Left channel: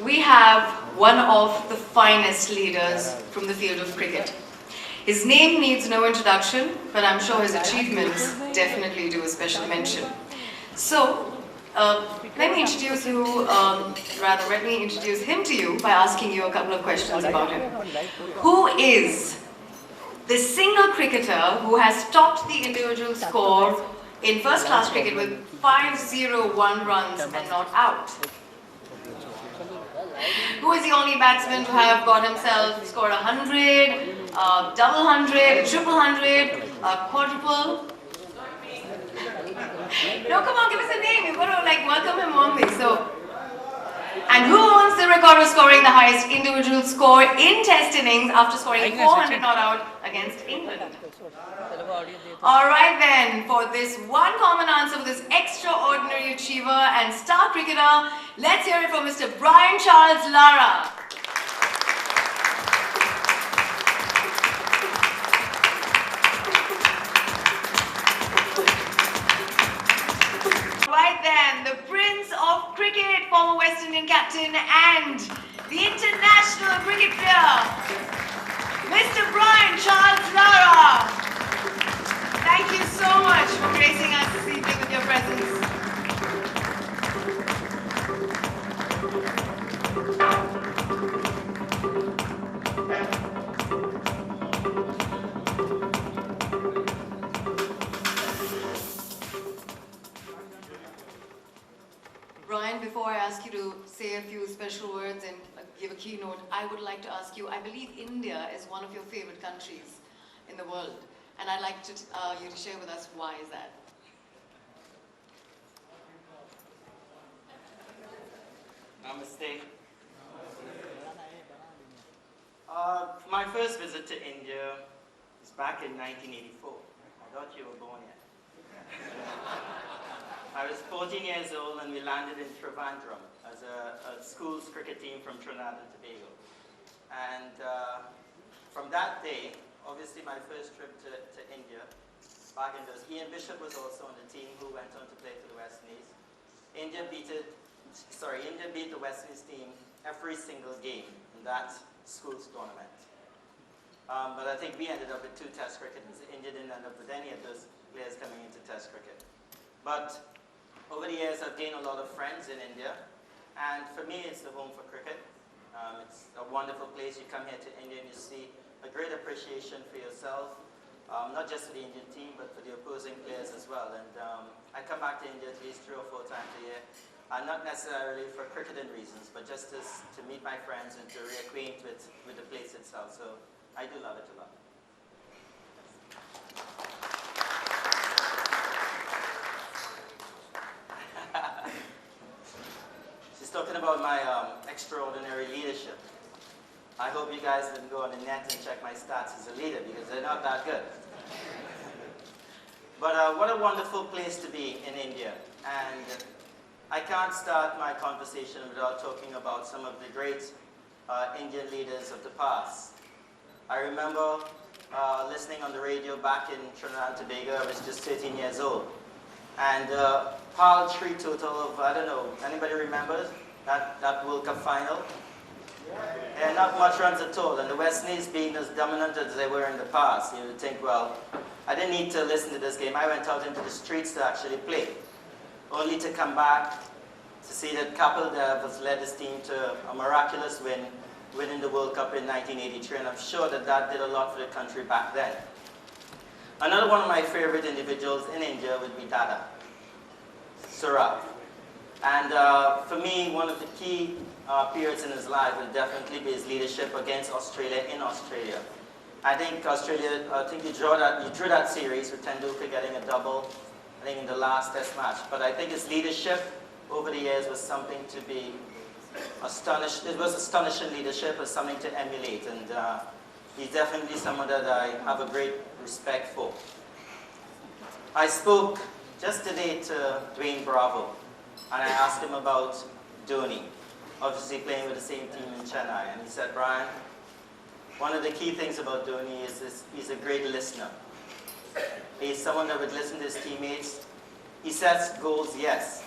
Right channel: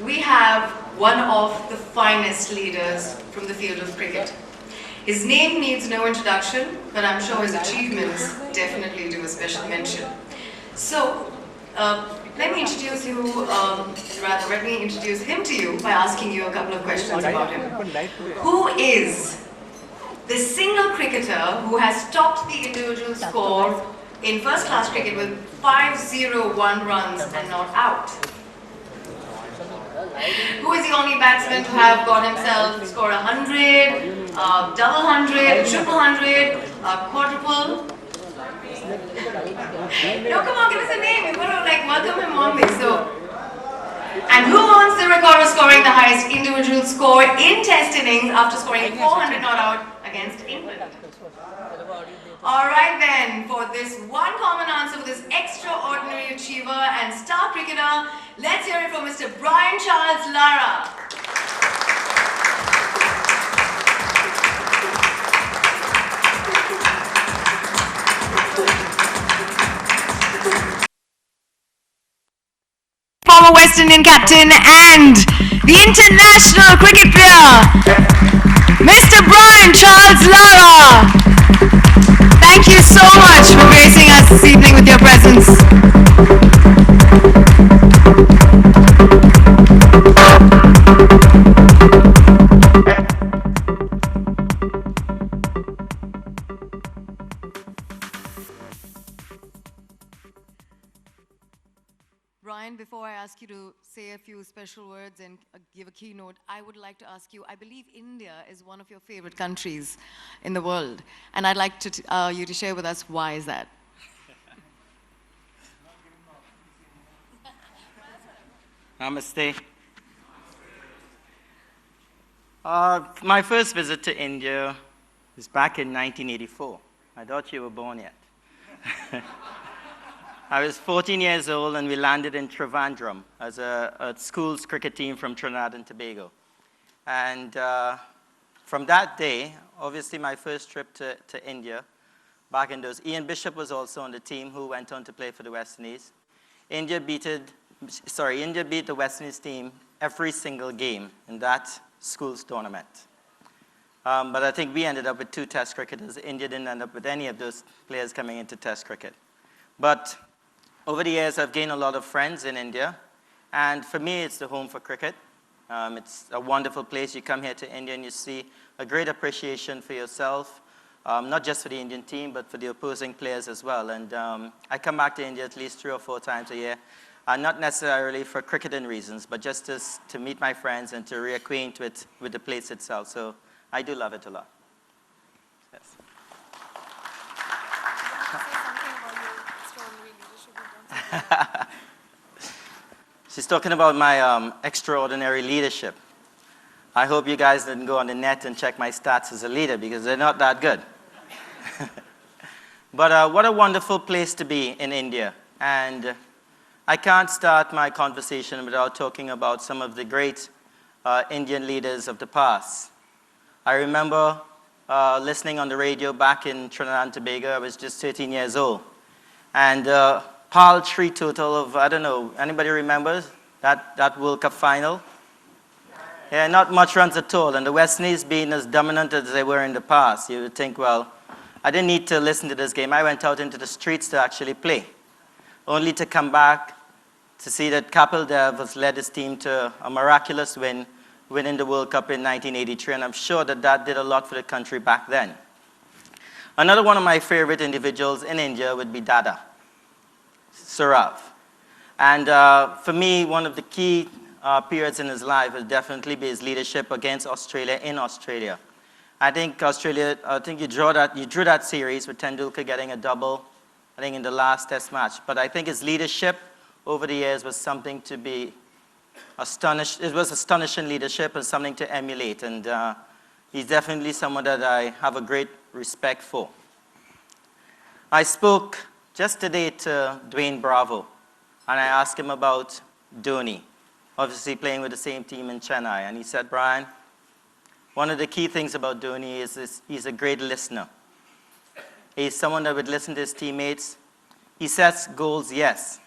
we have one of the finest leaders from the field of cricket. His name needs no introduction, but I'm sure his achievements definitely do a special mention. So, let me introduce him to you by asking you a couple of questions about him. Who is the single cricketer who has topped the individual score in first-class cricket with 501 runs and not out? Who is the only batsman to have got himself score 100, double 100, triple 100, quadruple? No, come on, give us a name. We've got to welcome him on this. And who owns the record of scoring the highest individual score in Test innings after scoring 400 not out against England? Alright then, for this one common answer for this extraordinary achiever and star cricketer, let's hear it from Mr. Brian Charles Lara. Right then, the Prince of Cricket, former West Indian captain and the international cricket player, Mr. Brian Charles Lara. Thank you so much for gracing us this evening with your presence. Brian, before I ask you to say a few special words and give a keynote, I would like to ask you, I believe India is one of your favorite countries in the world. And I'd like you to share with us why is that? Namaste. My first visit to India was back in 1984. I thought you were born yet. I was 14 years old and we landed in Trivandrum as a school's cricket team from Trinidad and Tobago. And from that day, obviously my first trip to India, back in those, Ian Bishop was also on the team who went on to play for the West Indies. India beat the West Indies team every single game in that school's tournament. But I think we ended up with 2 Test cricketers. India didn't end up with any of those players coming into Test cricket. But over the years, I've gained a lot of friends in India. And for me, it's the home for cricket. It's a wonderful place. You come here to India and you see a great appreciation for yourself, not just for the Indian team, but for the opposing players as well. And I come back to India at least 3 or 4 times a year, not necessarily for cricketing reasons, but just to meet my friends and to reacquaint with the place itself. So I do love it a lot. Yes. She's talking about my extraordinary leadership. I hope you guys didn't go on the net and check my stats as a leader because they're not that good. But what a wonderful place to be in India. And I can't start my conversation without talking about some of the great Indian leaders of the past. I remember listening on the radio back in Trinidad and Tobago. I was just 13 years old. And paltry total of, I don't know, anybody remembers that World Cup final? Yeah, not much runs at all. And the West Indies being as dominant as they were in the past, you would think, well, I didn't need to listen to this game. I went out into the streets to actually play, only to come back to see that Kapil Dev has led his team to a miraculous win, winning the World Cup in 1983. And I'm sure that did a lot for the country back then. Another one of my favorite individuals in India would be Dada, Saurav. And for me, one of the key periods in his life will definitely be his leadership against Australia in Australia. I think you drew that series with Tendulkar getting a double, I think in the last Test match. But I think his leadership over the years was something to be astonished. It was astonishing leadership and something to emulate. And he's definitely someone that I have a great respect for. I spoke just today to Dwayne Bravo, and I asked him about Dhoni, obviously playing with the same team in Chennai. And he said, Brian, one of the key things about Dhoni is he's a great listener. He's someone that would listen to his teammates. He sets goals, yes,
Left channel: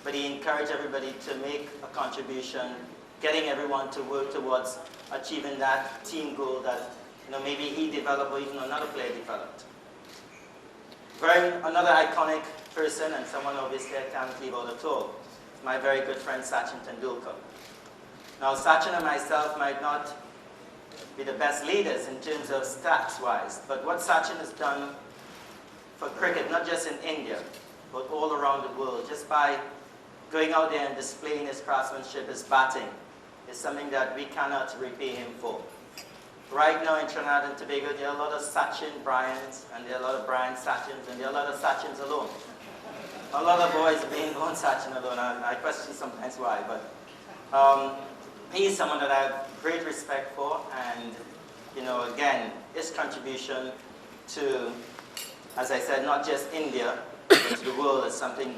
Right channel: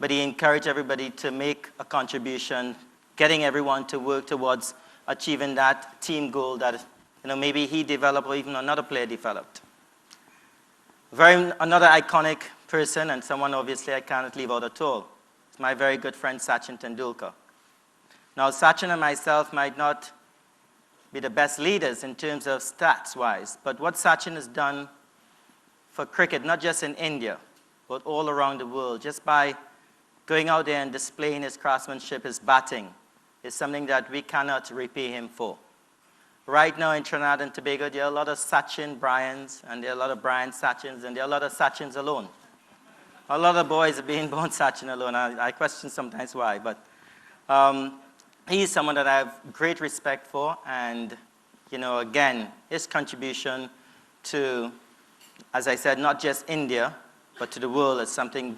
but he encouraged everybody to make a contribution getting everyone to work towards achieving that team goal that maybe he developed or even another player developed. Another iconic person, and someone obviously I can't leave out at all, is my very good friend Sachin Tendulkar. Now Sachin and myself might not be the best leaders in terms of stats-wise, but what Sachin has done for cricket, not just in India, but all around the world, just by going out there and displaying his craftsmanship, his batting, is something that we cannot repay him for. Right now in Trinidad and Tobago, there are a lot of Sachin Bryans, and there are a lot of Brian Sachins, and there are a lot of Sachins alone. A lot of boys are being born Sachin alone. I question sometimes why, but he's someone that I have great respect for, and again, his contribution to, as I said, not just India, but to the world is something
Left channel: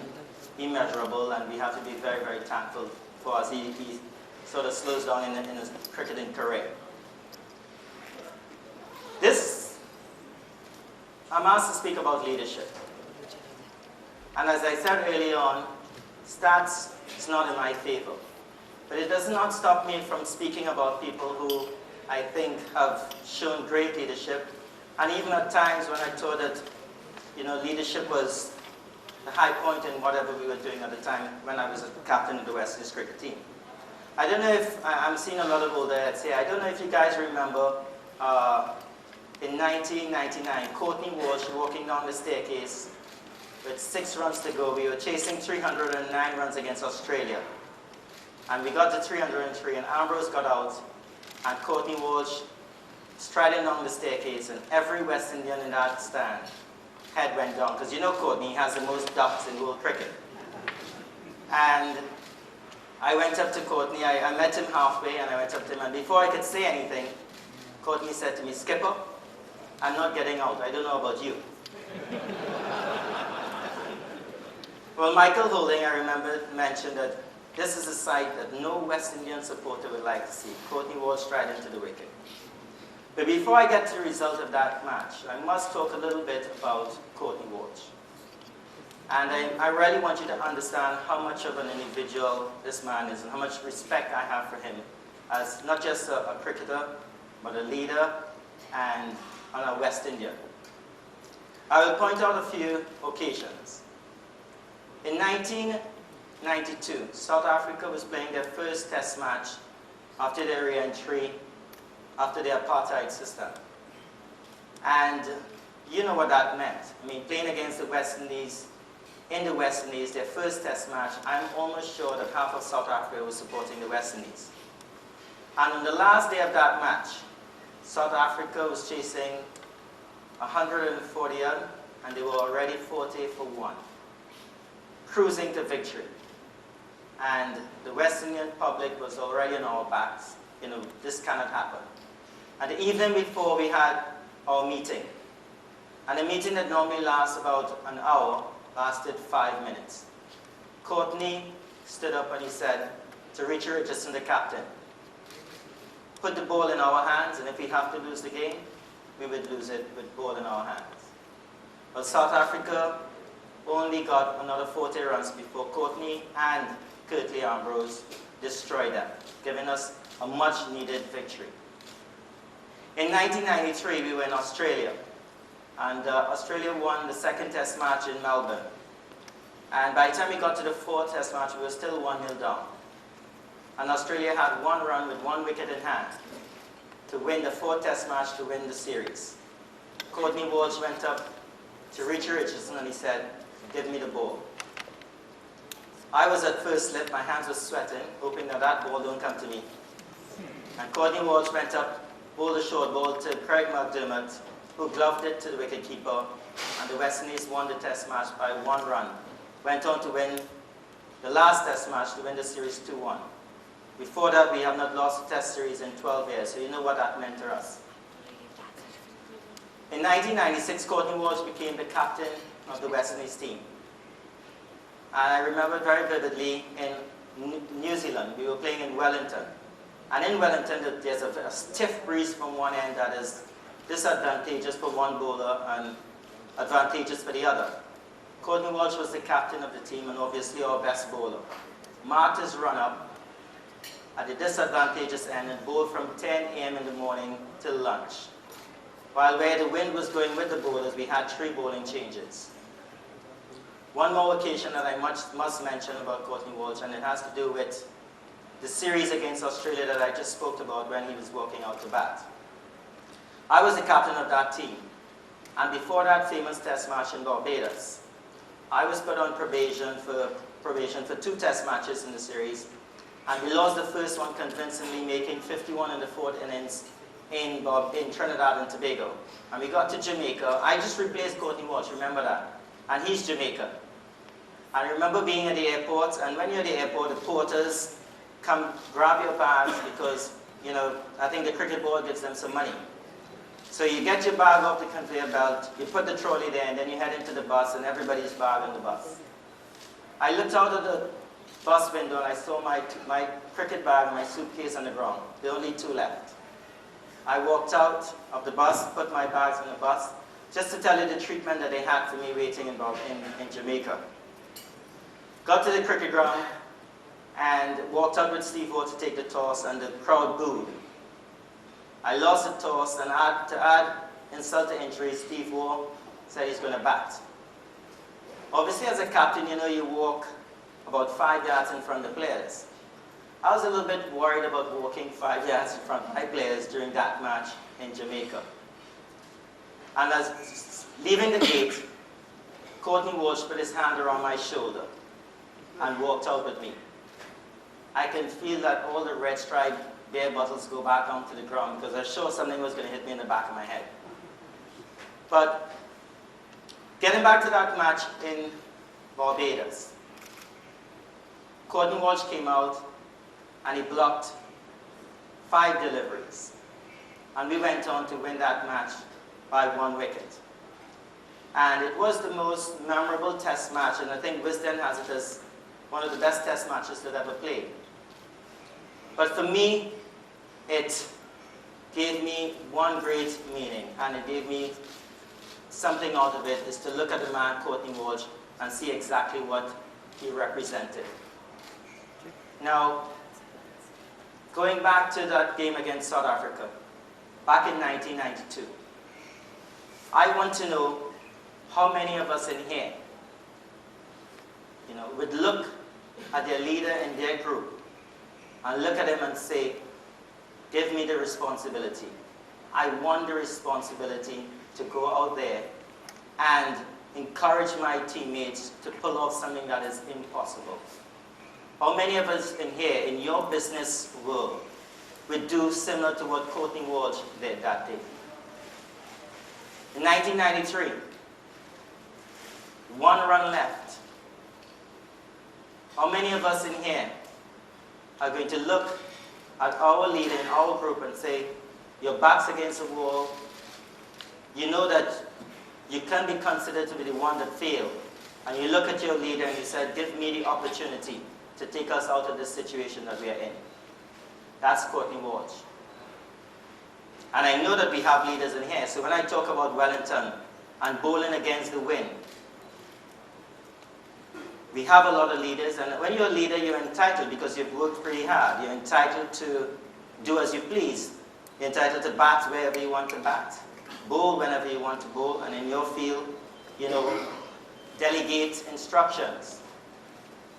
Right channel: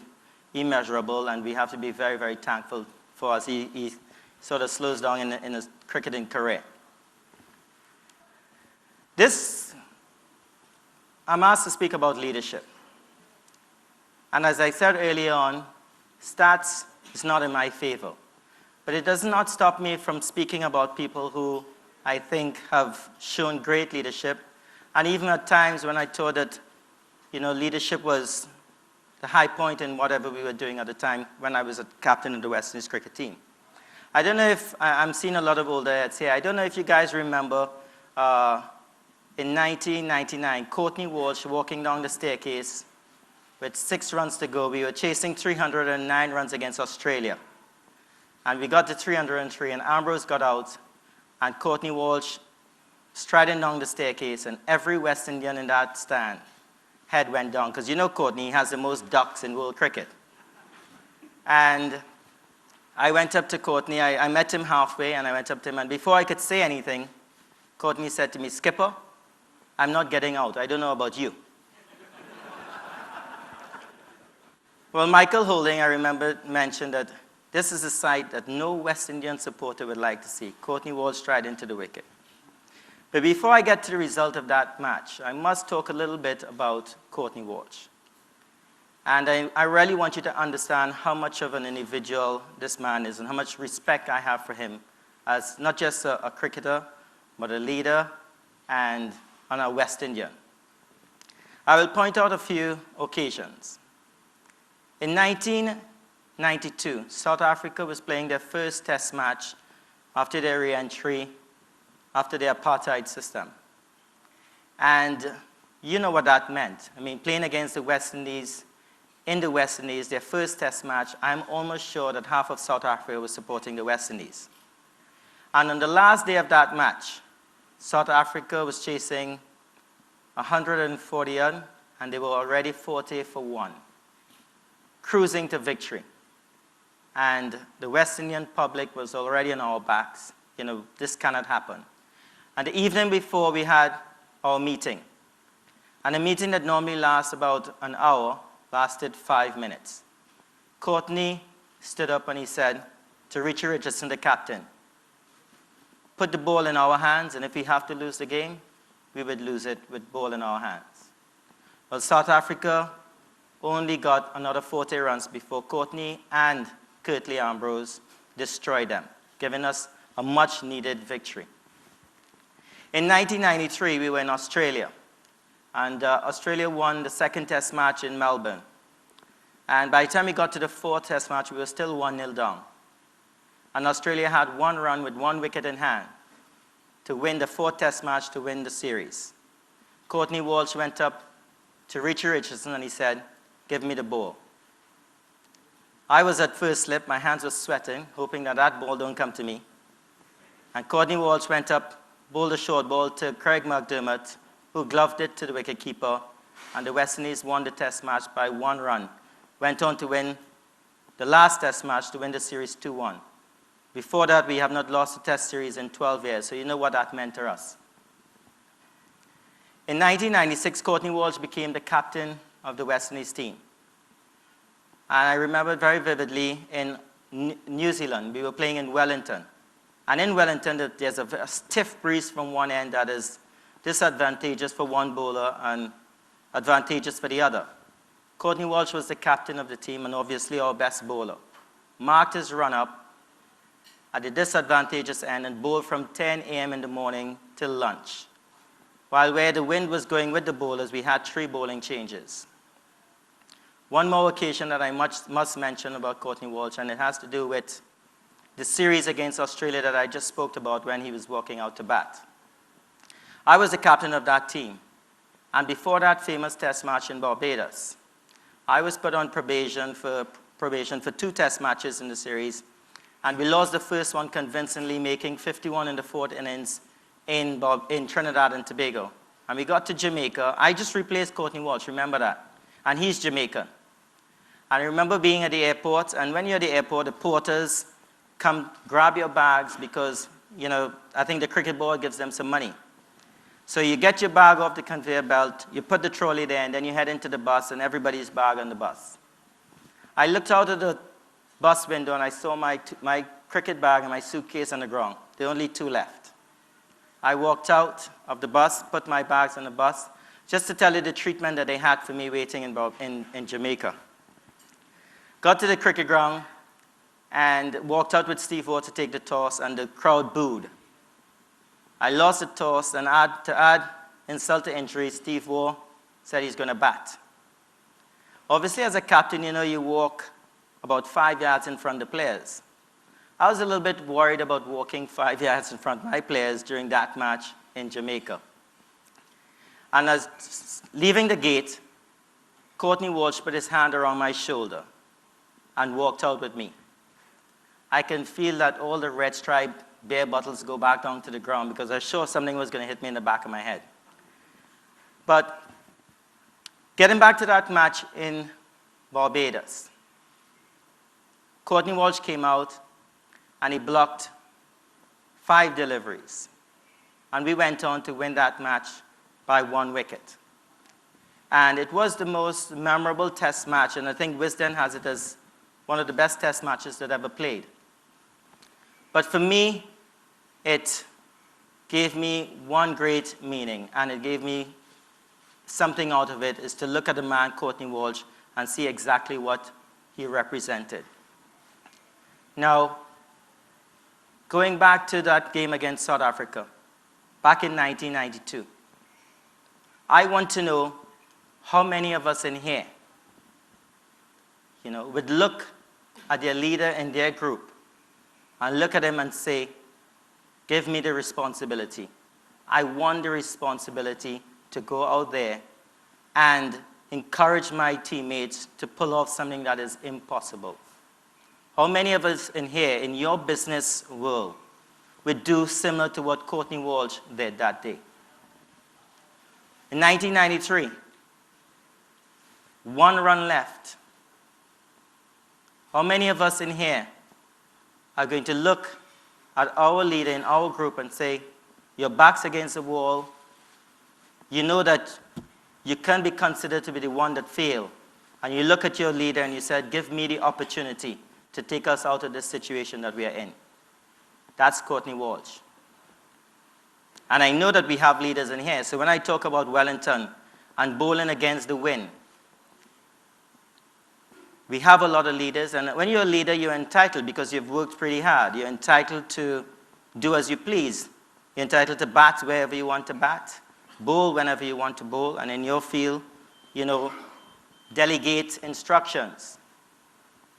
immeasurable, and we have to be very, very thankful for us. He sort of slows down in his cricketing career. I'm asked to speak about leadership. And as I said earlier on, stats is not in my favor. But it does not stop me from speaking about people who I think have shown great leadership. And even at times when I thought that leadership was the high point in whatever we were doing at the time when I was a captain of the West Indies cricket team. I don't know if, I'm seeing a lot of older heads here, I don't know if you guys remember in 1999, Courtney Walsh walking down the staircase with 6 runs to go. We were chasing 309 runs against Australia. And we got to 303, and Ambrose got out, and Courtney Walsh striding down the staircase, and every West Indian in that stand head went down, because Courtney has the most ducks in world cricket. And I went up to Courtney, I met him halfway, and I went up to him, and before I could say anything, Courtney said to me, "Skipper, I'm not getting out. I don't know about you." Well, Michael Holding, I remember, mentioned that this is a sight that no West Indian supporter would like to see. Courtney Walsh stride into the wicket. But before I get to the result of that match, I must talk a little bit about Courtney Walsh. And I really want you to understand how much of an individual this man is and how much respect I have for him as not just a cricketer, but a leader and a West Indian. I will point out a few occasions. In 1992, South Africa was playing their first test match after their re-entry, after the apartheid system. And you know what that meant. I mean, playing against the West Indies, in the West Indies, their first test match, I'm almost sure that half of South Africa was supporting the West Indies. And on the last day of that match, South Africa was chasing 140 and they were already 40 for 1, cruising to victory. And the West Indian public was already on our backs. This cannot happen. And the evening before, we had our meeting. And a meeting that normally lasts about an hour lasted 5 minutes. Courtney stood up and he said to Richie Richardson, the captain, "Put the ball in our hands, and if we have to lose the game, we would lose it with ball in our hands." Well, South Africa only got another 40 runs before Courtney and Curtly Ambrose destroyed them, giving us a much-needed victory. In 1993, we were in Australia, and Australia won the second test match in Melbourne. And by the time we got to the fourth test match, we were still 1-0 down. And Australia had 1 run with 1 wicket in hand to win the fourth test match, to win the series. Courtney Walsh went up to Richie Richardson and he said, "Give me the ball." I was at first slip, my hands were sweating, hoping that that ball don't come to me. And Courtney Walsh went up, bowled a short ball to Craig McDermott, who gloved it to the wicketkeeper, and the West Indies won the test match by 1 run. Went on to win the last test match to win the series 2-1. Before that, we have not lost a test series in 12 years, so you know what that meant to us. In 1996, Courtney Walsh became the captain of the West Indies team. And I remember very vividly in New Zealand, we were playing in Wellington. And in Wellington, there's a stiff breeze from one end that is disadvantageous for one bowler and advantageous for the other. Courtney Walsh was the captain of the team and obviously our best bowler. Marked his run up, at the disadvantageous end and bowl from 10 a.m. in the morning till lunch. While where the wind was going with the bowlers, we had 3 bowling changes. One more occasion that I must mention about Courtney Walsh, and it has to do with the series against Australia that I just spoke about when he was walking out to bat. I was the captain of that team, and before that famous test match in Barbados, I was put on probation for 2 test matches in the series, and we lost the first one convincingly, making 51 in the 4th innings in Trinidad and Tobago. And we got to Jamaica. I just replaced Courtney Walsh, remember that? And he's Jamaican. I remember being at the airport, and when you're at the airport, the porters come grab your bags because, you know, I think the cricket board gives them some money. So you get your bag off the conveyor belt, you put the trolley there, and then you head into the bus, and everybody's bag on the bus. I looked out of the bus window, and I saw my cricket bag and my suitcase on the ground. There were only 2 left. I walked out of the bus, put my bags on the bus, just to tell you the treatment that they had for me waiting in Jamaica. Got to the cricket ground and walked out with Steve Waugh to take the toss, and the crowd booed. I lost the toss, and to add insult to injury, Steve Waugh said he's going to bat. Obviously, as a captain, you know, you walk about 5 yards in front of the players. I was a little bit worried about walking 5 yards in front of my players during that match in Jamaica. And as leaving the gate, Courtney Walsh put his hand around my shoulder and walked out with me. I can feel that all the red striped beer bottles go back onto the ground because I was sure something was going to hit me in the back of my head. But getting back to that match in Barbados, Courtney Walsh came out and he blocked 5 deliveries. And we went on to win that match by 1 wicket. And it was the most memorable test match, and I think Wisden has it as one of the best test matches that ever played. But for me, it gave me one great meaning, and it gave me something out of it, is to look at the man, Courtney Walsh, and see exactly what he represented. Now, going back to that game against South Africa, back in 1992, I want to know how many of us in here, you know, would look at their leader in their group and look at him and say, give me the responsibility. I want the responsibility to go out there and encourage my teammates to pull off something that is impossible. How many of us in here, in your business world, would do similar to what Courtney Walsh did that day? In 1993, 1 run left. How many of us in here are going to look at our leader in our group and say, your back's against the wall, you know that you can't be considered to be the one that failed, and you look at your leader and you said, give me the opportunity to take us out of this situation that we are in? That's Courtney Walsh. And I know that we have leaders in here, so when I talk about Wellington and bowling against the wind, we have a lot of leaders, and when you're a leader, you're entitled because you've worked pretty hard. You're entitled to do as you please. You're entitled to bat wherever you want to bat, bowl whenever you want to bowl, and in your field, you know, delegate instructions.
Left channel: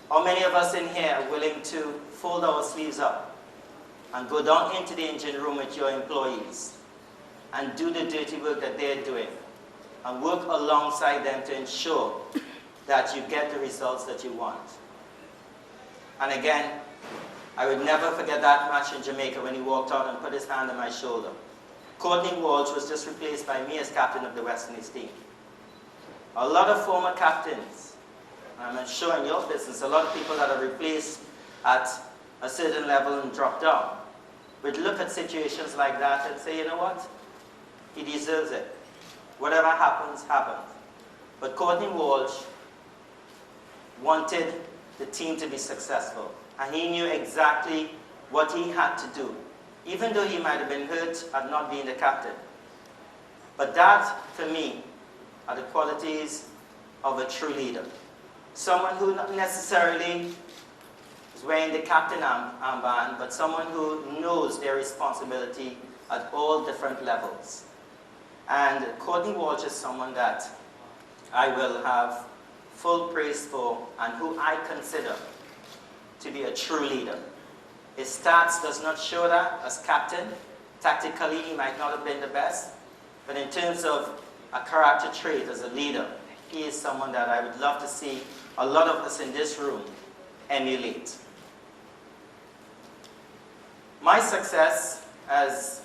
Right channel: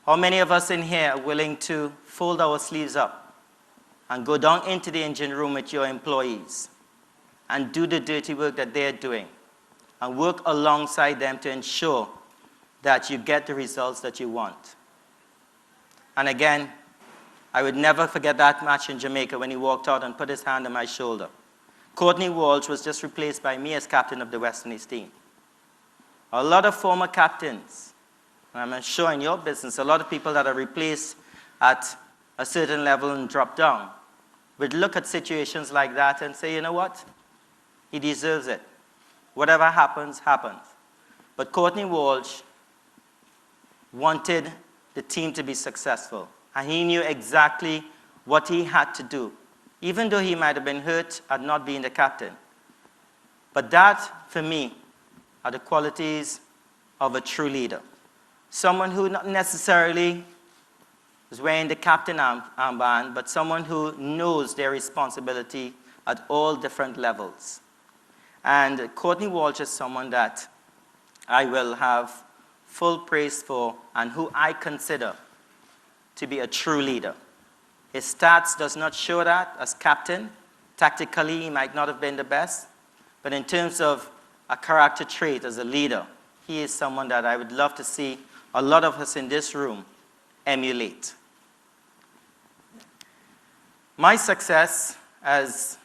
How many of us in here are willing to fold our sleeves up and go down into the engine room with your employees and do the dirty work that they're doing and work alongside them to ensure that you get the results that you want? And again, I would never forget that match in Jamaica when he walked out and put his hand on my shoulder. Courtney Walsh was just replaced by me as captain of the West Indies team. A lot of former captains, and I'm sure in your business, a lot of people that are replaced at a certain level and drop down, would look at situations like that and say, you know what? He deserves it. Whatever happens, happens. But Courtney Walsh wanted the team to be successful, and he knew exactly what he had to do, even though he might have been hurt at not being the captain. But that, for me, are the qualities of a true leader. Someone who not necessarily who's wearing the captain armband, but someone who knows their responsibility at all different levels. And Courtney Walsh is someone that I will have full praise for and who I consider to be a true leader. His stats does not show that as captain. Tactically, he might not have been the best, but in terms of a character trait as a leader, he is someone that I would love to see a lot of us in this room emulate. My success as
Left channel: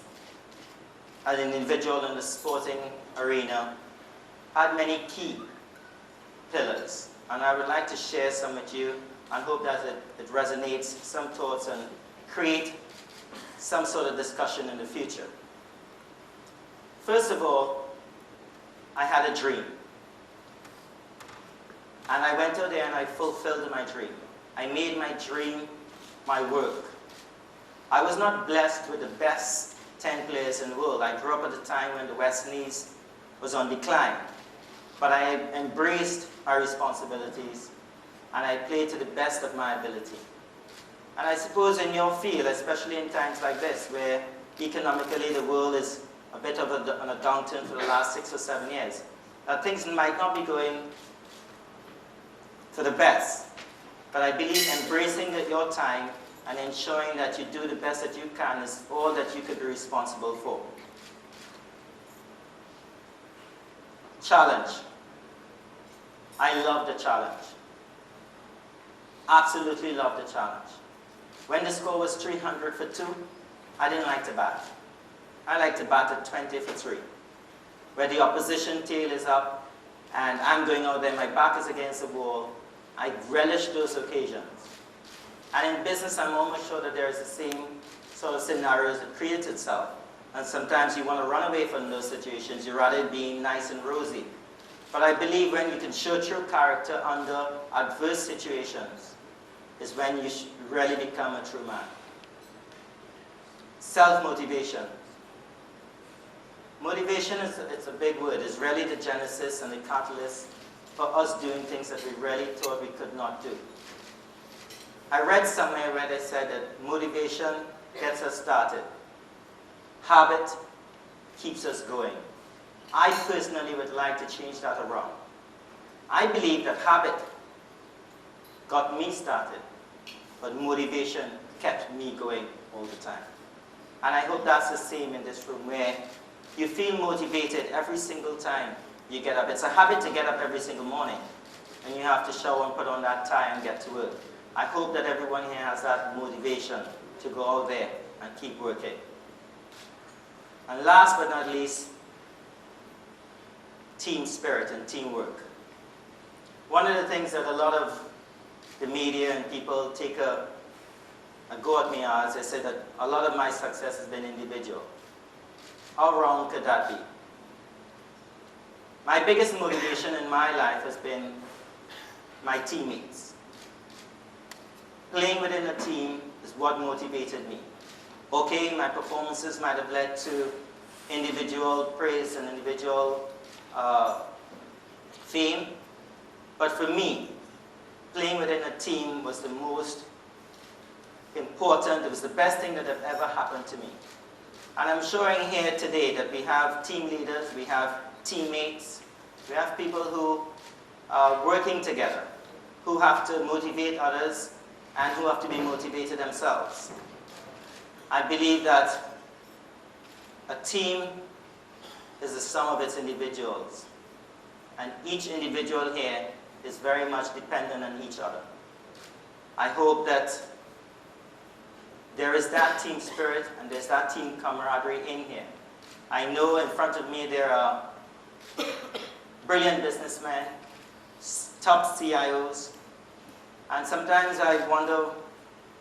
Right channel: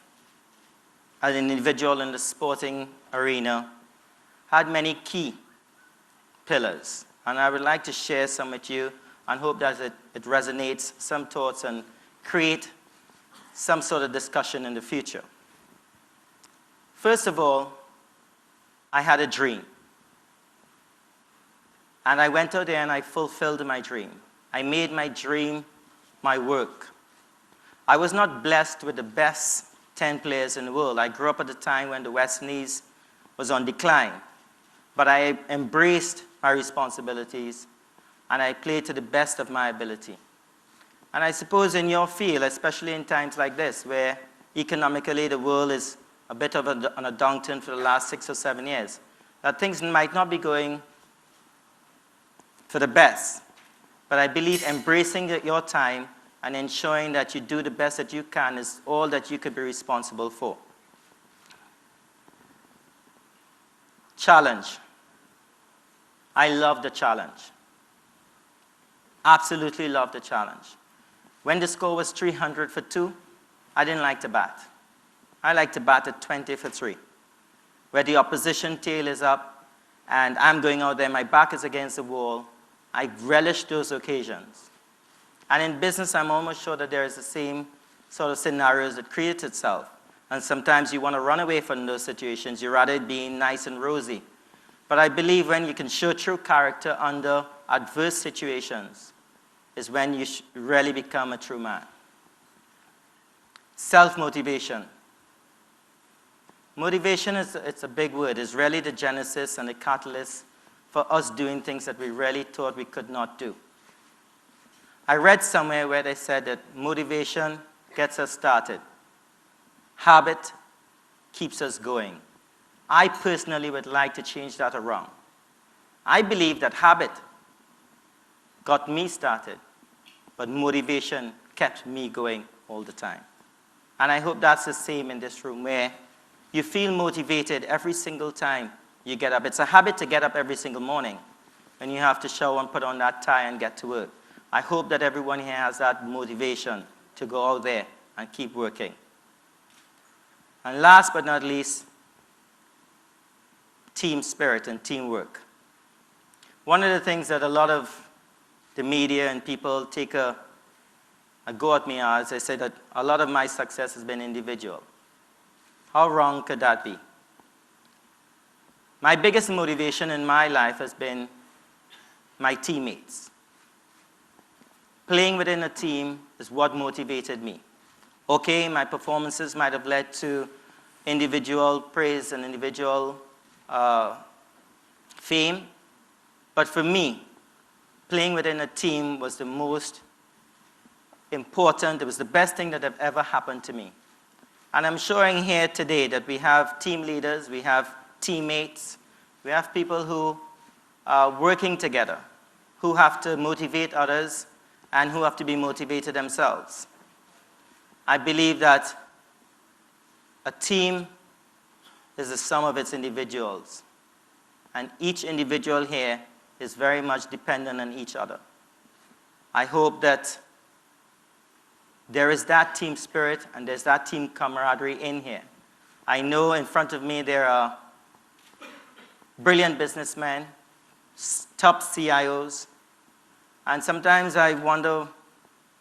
an individual in the sporting arena had many key pillars, and I would like to share some with you and hope that it resonates some thoughts and create some sort of discussion in the future. First of all, I had a dream. And I went out there and I fulfilled my dream. I made my dream my work. I was not blessed with the best 10 players in the world. I grew up at the time when the West Indies was on decline. But I embraced my responsibilities and I played to the best of my ability. And I suppose in your field, especially in times like this, where economically the world is a bit of on a downturn for the last 6 or 7 years, that things might not be going for the best. But I believe embracing your time and ensuring that you do the best that you can is all that you could be responsible for. Challenge. I love the challenge. Absolutely love the challenge. When the score was 300 for 2, I didn't like to bat. I like to bat at 20 for 3, where the opposition tail is up and I'm going out there, my back is against the wall. I relish those occasions. And in business, I'm almost sure that there is the same sort of scenarios that create itself. And sometimes you want to run away from those situations. You rather it being nice and rosy. But I believe when you can show true character under adverse situations is when you really become a true man. Self-motivation. Motivation it's a big word. It's really the genesis and the catalyst for us doing things that we really thought we could not do. I read somewhere where they said that motivation gets us started. Habit keeps us going. I personally would like to change that around. I believe that habit got me started, but motivation kept me going all the time. And I hope that's the same in this room, where you feel motivated every single time you get up. It's a habit to get up every single morning, and you have to shower and put on that tie and get to work. I hope that everyone here has that motivation to go out there and keep working. And last but not least, team spirit and teamwork. One of the things that a lot of the media and people take a go at me as I say that a lot of my success has been individual. How wrong could that be? My biggest motivation in my life has been my teammates. Playing within a team is what motivated me. Okay, my performances might have led to individual praise and individual fame, but for me, playing within a team was the most important. It was the best thing that had ever happened to me. And I'm showing here today that we have team leaders, we have teammates, we have people who are working together, who have to motivate others and who have to be motivated themselves. I believe that a team is the sum of its individuals, and each individual here is very much dependent on each other. I hope that there is that team spirit and there's that team camaraderie in here. I know in front of me there are brilliant businessmen, top CIOs, and sometimes I wonder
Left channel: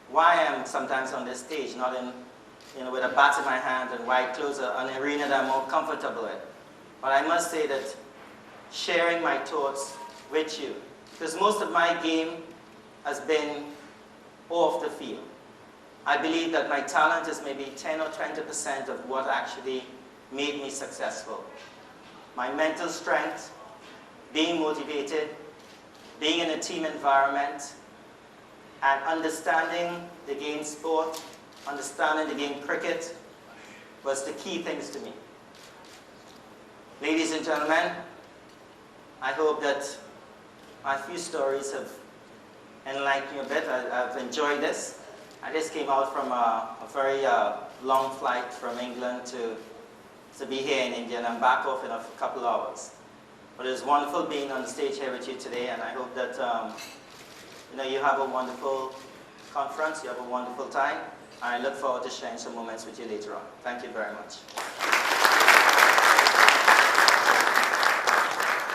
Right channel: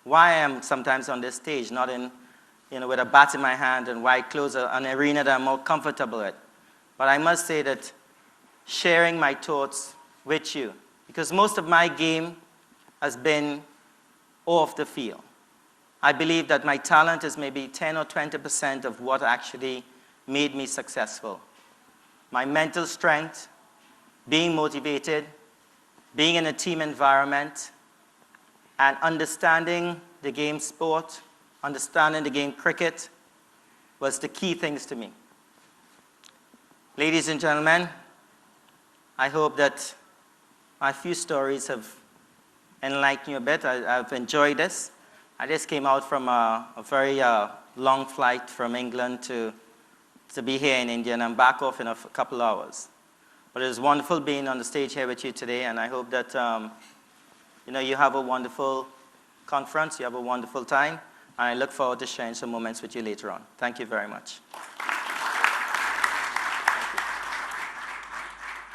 why I'm sometimes on this stage, not with a bat in my hand and white clothes, an arena that I'm more comfortable with. But I must say that sharing my thoughts with you, because most of my game has been off the field. I believe that my talent is maybe 10 or 20% of what actually made me successful. My mental strength, being motivated, being in a team environment, and understanding the game sport, understanding the game cricket was the key things to me. Ladies and gentlemen, I hope that my few stories have enlightened you a bit. I've enjoyed this. I just came out from a very long flight from England to be here in India, and I'm back off in a couple hours. But it was wonderful being on the stage here with you today, and I hope that you have a wonderful conference, you have a wonderful time, and I look forward to sharing some moments with you later on. Thank you very much.